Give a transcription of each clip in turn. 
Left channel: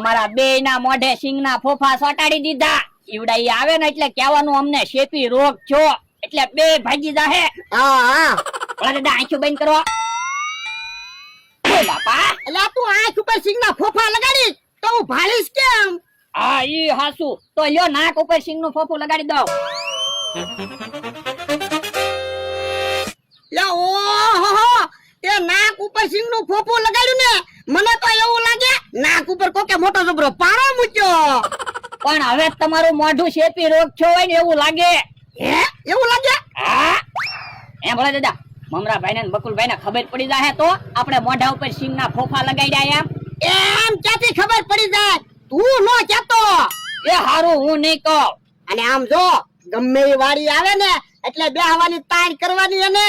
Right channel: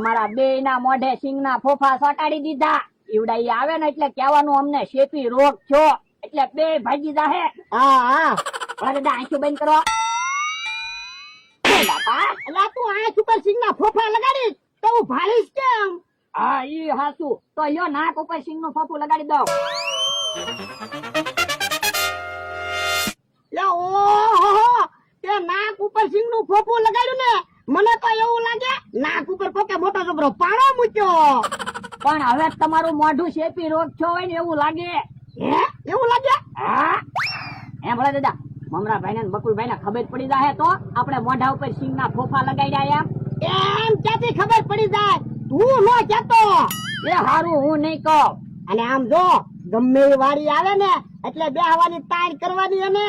અમારા બેયના મોઢે સિંગના ફોફા સોટાડી દીધા. ઈવડા ઈ આવે ને એટલે કહેવાનું અમને શેપી રોગ છો, એટલે બે ભાગી જાહે. હા ઓલા દાદા આંખો બંધ કરો. બોલા પા. એટલે તું આંખ ઉપર સિંગના ફોફા લગાડી તો હું ભાળીશ કેમ? હા ઈ હાસુ. તો લ્યો નાક ઉપર સિંગનું ફોફું લગાડી દો. લે ઓહો, તે નાક ઉપર સિંગનું ફોફું લગાડ્યું ને, મને તો એવું લાગે નાક ઉપર કોકે મોટો જબરો પારો મૂક્યો. પણ હવે તમારું મોઢું શેપી રોગ છો હોય ને એવું લાગે. હે એવું લાગે? હા એ ભલા દાદા, મમરાભાઈ ને બકુલભાઈ ને ખબર પડી જાય તો આપણે મોઢા ઉપર સિંગના ફોફા લગાડ્યા એમ ક્યાંથી ખબર પડી જાય? તું નો કહેતો. એ હારું હું નહીં કહું. અને આમ જો ગમે એ વાડી આવે ને એટલે બેહવાની તાણ કરવાની એને.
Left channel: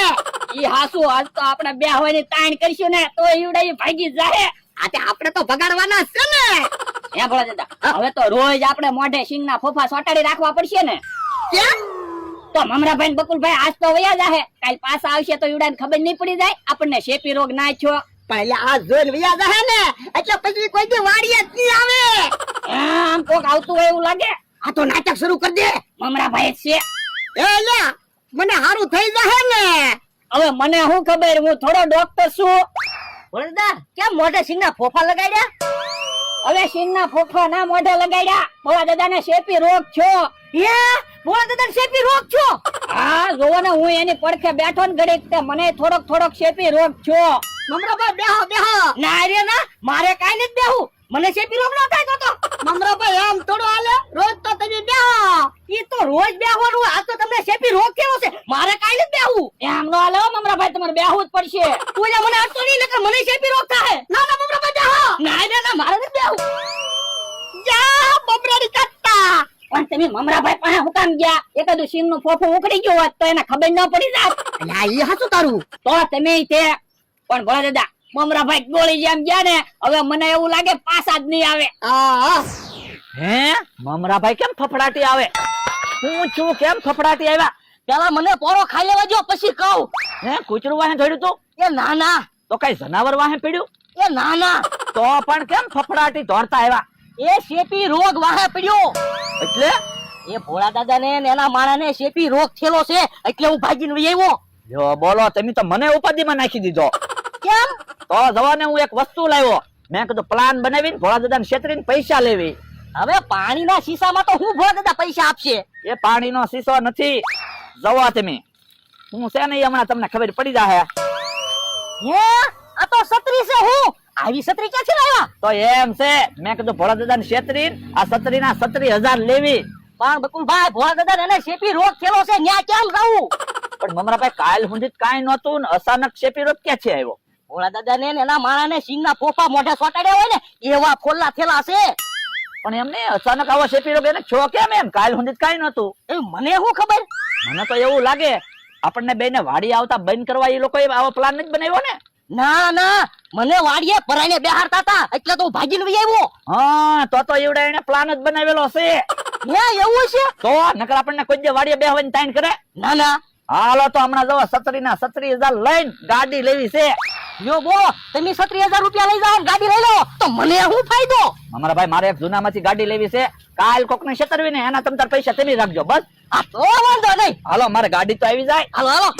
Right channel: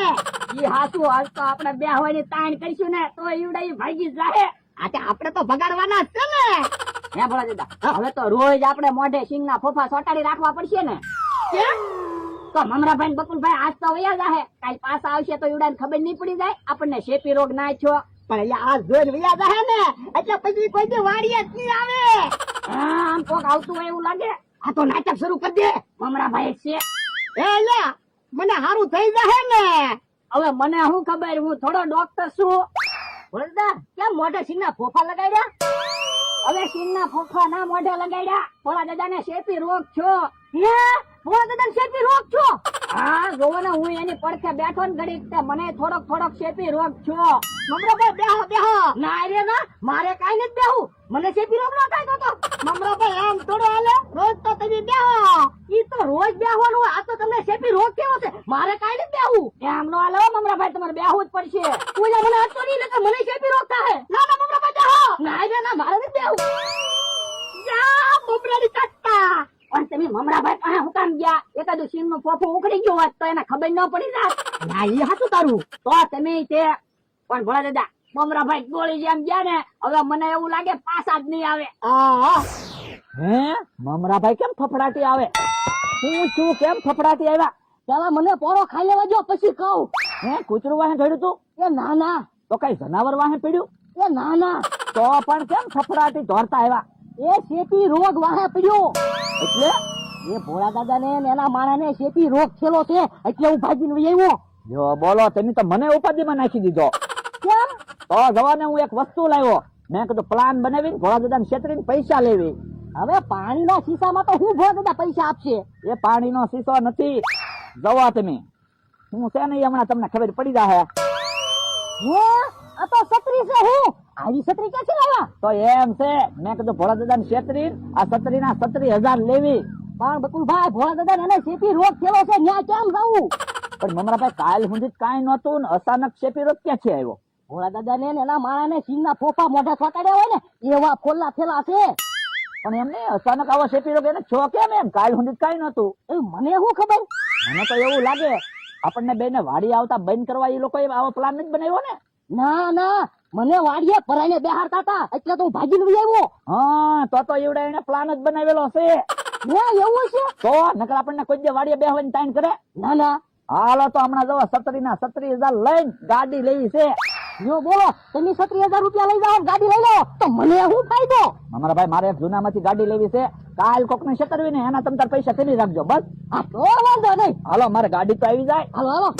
ઈ હાસુ. આજ તો આપણે બે હવાની તાણ કરશું ને તો ઈવડા ઈ ભાગી જાય. આ તે આપણે તો ભગાડવાના છે ને. હે ભલા દાદા, હવે તો રોજ આપણે મોઢે સિંગના ફોફા સોટાડી રાખવા પડશે ને. કેમ? તો મમરાભાઈ ને બકુલભાઈ આજ તો વયા જાહે, કાલ પાછા આવશે તો ઈવડાને ખબર નહીં પડી જાય આપણને શેપી રોગ ના છો. પણ એટલે આ જોઈને વિયા જાહે ને એટલે પછી કોઈ દી વાડીએ જ નહીં આવે. આમ કોક આવતું હોય એવું લાગે. આ તો નાટક શરૂ કરી દે. મમરાભાઈ જ છે. એ લે મને હારું થઈ જાહે ને. હવે મને શું ખબર, હું થોડો ડોક્ટર છું. વરદા કેમ મોઢે સિંગના ફોફા લગાડ્યા? હવે સિંગના ફોફા ના મોઢે લગાડ્યા. ભોળા દાદાને શેપી રોગ છો. હે ભોળા દાદાને શેપી રોગ છો? હા જોવો ને, હું એની પડખે બેઠો ને ઘડીક તે મને થોડોક શેપી રોગ છો. મમરાભાઈ બેહો બેહો. ના રે ના, મારે કાઈ નથી બેહું. મને શેપી રોગ નો થાય તો. મમરાભાઈ આમ થોડો હાલે, રોજ તો તમે બેહો. ઈ તો રોજ બેહવાનું, આ તો તમને શેપી રોગ કેવો છે? મારે કાઈ નથી બેહું. એમ નો હાલે મમરાભાઈ, તમારે બેહવું જ પડશે. તું જે મને અડતો નહીં નકર મને શેપી રોગ થાય. ના ના મમરાભાઈ બેહો. ના રે ના, મારે નથી બેહવું. જા બપરાડી કાટતા. પણ તમે મમરાભાઈ પાસે હું કામ ગયા? એકાદું સિંગનું ફોફું ઉખડી ગયું હોત તો એને ખબર ન પડી જાત. અલ્યા ઈ હાચું તારું. તો તમે તે પણ ભોળા દાદા, મમરાભાઈ ગોળી જેમ ગયા ને, હવે મને એવું લાગે પાછા જ નહીં આવે. હે મમરાભાઈ કેમ ફફડાટી આવે? હું છું કેમ ફફડાટી આવ્યા? પેલા મને પોરો ખાઈ લેવા જો પછી કહું. હે કૂતરું વાહે જોડ્યું તું? એ ના ના, તો કઈ જનાવર વાહે પડ્યું? એ ના ના, તો પણ કેમ ફફડાટી દોડતા આવ્યા? એ શેપી રોગ વાહે પડ્યો. એટલે એ ભોળા દાદા ને એના માણસને શેપી રોગ થયેલો છે એટલે હું ભાગીને વહી આવ્યો. જો બોલો, તમે તો મને ઉપાધિમાં નાખી દીધો. કેમ? તો જવા ને હું એક વસ્તુ લાવ્યો. મેં કીધું પ્લાન બનાવીને ભોળા દાદાને છેતરીને પૈસા લેવી. હવે પાણીના શીશામાં તો હું ભોળા દાદા પૈસા આપશે? એ પાણીનો શીશો નથી. જવા તમે, હું છે ને હમણાં તમને ખબર પડી જાહે. હે આ તો છત્રી છે. હું આવી છત્રી ક્યાંથી લાવ્યા? તો એમ છે, મેં કીધું ભોળા દાદાને છેતરીને આ છત્રીના 37,000 લેવી. પણ બકુલભાઈ, ભોળા દાદા એને શેપી રોગ થયેલો છે, ન્યા કેમ રહું? પણ મમરાભાઈ કાલ સુધી કાંઈ નહોતું ને અચાનક શેપી રોગ ક્યાંથી આવ્યો? ભોળા દાદા ને એના માણસને સિંગના ફોફા મોઢે સોટાડ્યા હોય ને એવા ફોલ્લા થયેલા છે. પણ એમને અચાનક આવો શેપી રોગ એને છો કેમ? એમ કાલ સુધી કાંઈ નહોતું. એ મને શું ખબર? મને તો એવું લાગે આપણને બેને વાડી આવતા બંધ કરવા એ લોકોએ આવો પ્લાન જ બનાવ્યો ને. ના ના, મને વાડીએ પરાઈને બેહારતા હતા એટલે તો હું ભાગીને વહી આવ્યો. હા તો એવડે એને પ્લાન જ બનાવેલો છે. ન્યા એવું છે? તો નકર આપણને કોઈ દે વાડીએ બેહવાની તાઈન કરે? ના ના, હાલો તો હમણાં જવો 37,000 લઈને ગાડી લેવી છે. યો બોલો, તમે 37,000 રૂપિયા લઈ જાઓ ગાડી લઈ લો તો મને શું ફાયદો? અમારા ભાઈ મારે એક જૂનામાંથી ગાડી લેવી છે. કાલ કોકને છેતરવી ને એના તમ તાર પૈસા તમે રાખજો બસ. આ તો વાંધો નહીં. હાલો મારે ગાડી તો આવી જાય. હાલો હાલો.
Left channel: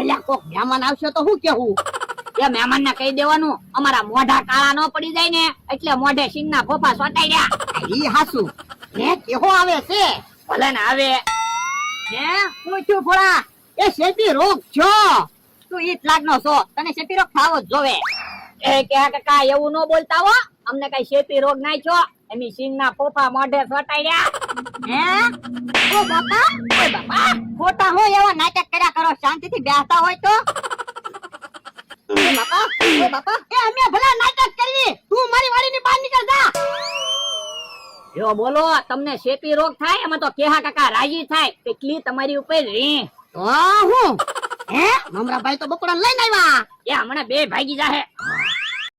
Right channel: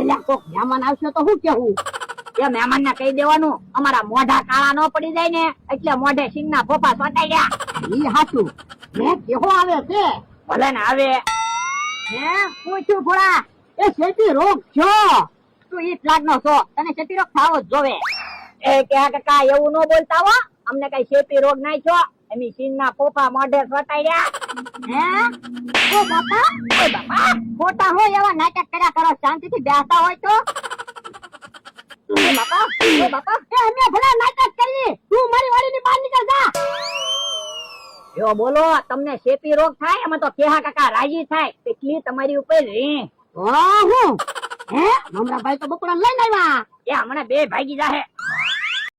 એલા કોક મહેમાન આવશે તો શું કેવું? એ મહેમાન ને કહી દેવાનું અમારા મોઢા કાળા ન પડી જાય ને એટલે મોઢે સિંગના ફોફા સોટાડ્યા. ઈ હાસુ. હે કેહો આવે છે? ભલે ને આવે. હે હું છું ભોળા, એ શેપી રોગ છો. તું ઈ જ લાગનો છો, તને શેપી રોગ થાવો જ જોવે. એ કે કાકા એવું ન બોલતા હો, અમને કઈ શેપી રોગ નાઈ છો. એમી સિંગના ફોફા મોઢે સોટાડ્યા. હે ઓ બાપા, ઓય બાપા ખોટા હો એવા નાટક કર્યા કરો. શાંતિથી બેસતા હોય તો. બાપા ઓય બાપા, એ અમે ભલા નાટક કરી, તું મારી વાડીની બહાર નીકળ જા. જો બોલો, તમને શેપી રોગ થાય એમાં તો કેહા કાકા રાજી થાય. કેટલી તમારી ઉપર રી. હું હે મમરાભાઈ તો બકુડા લઈને આવ્યા. એ હમણાં બે ભાગી જાહે.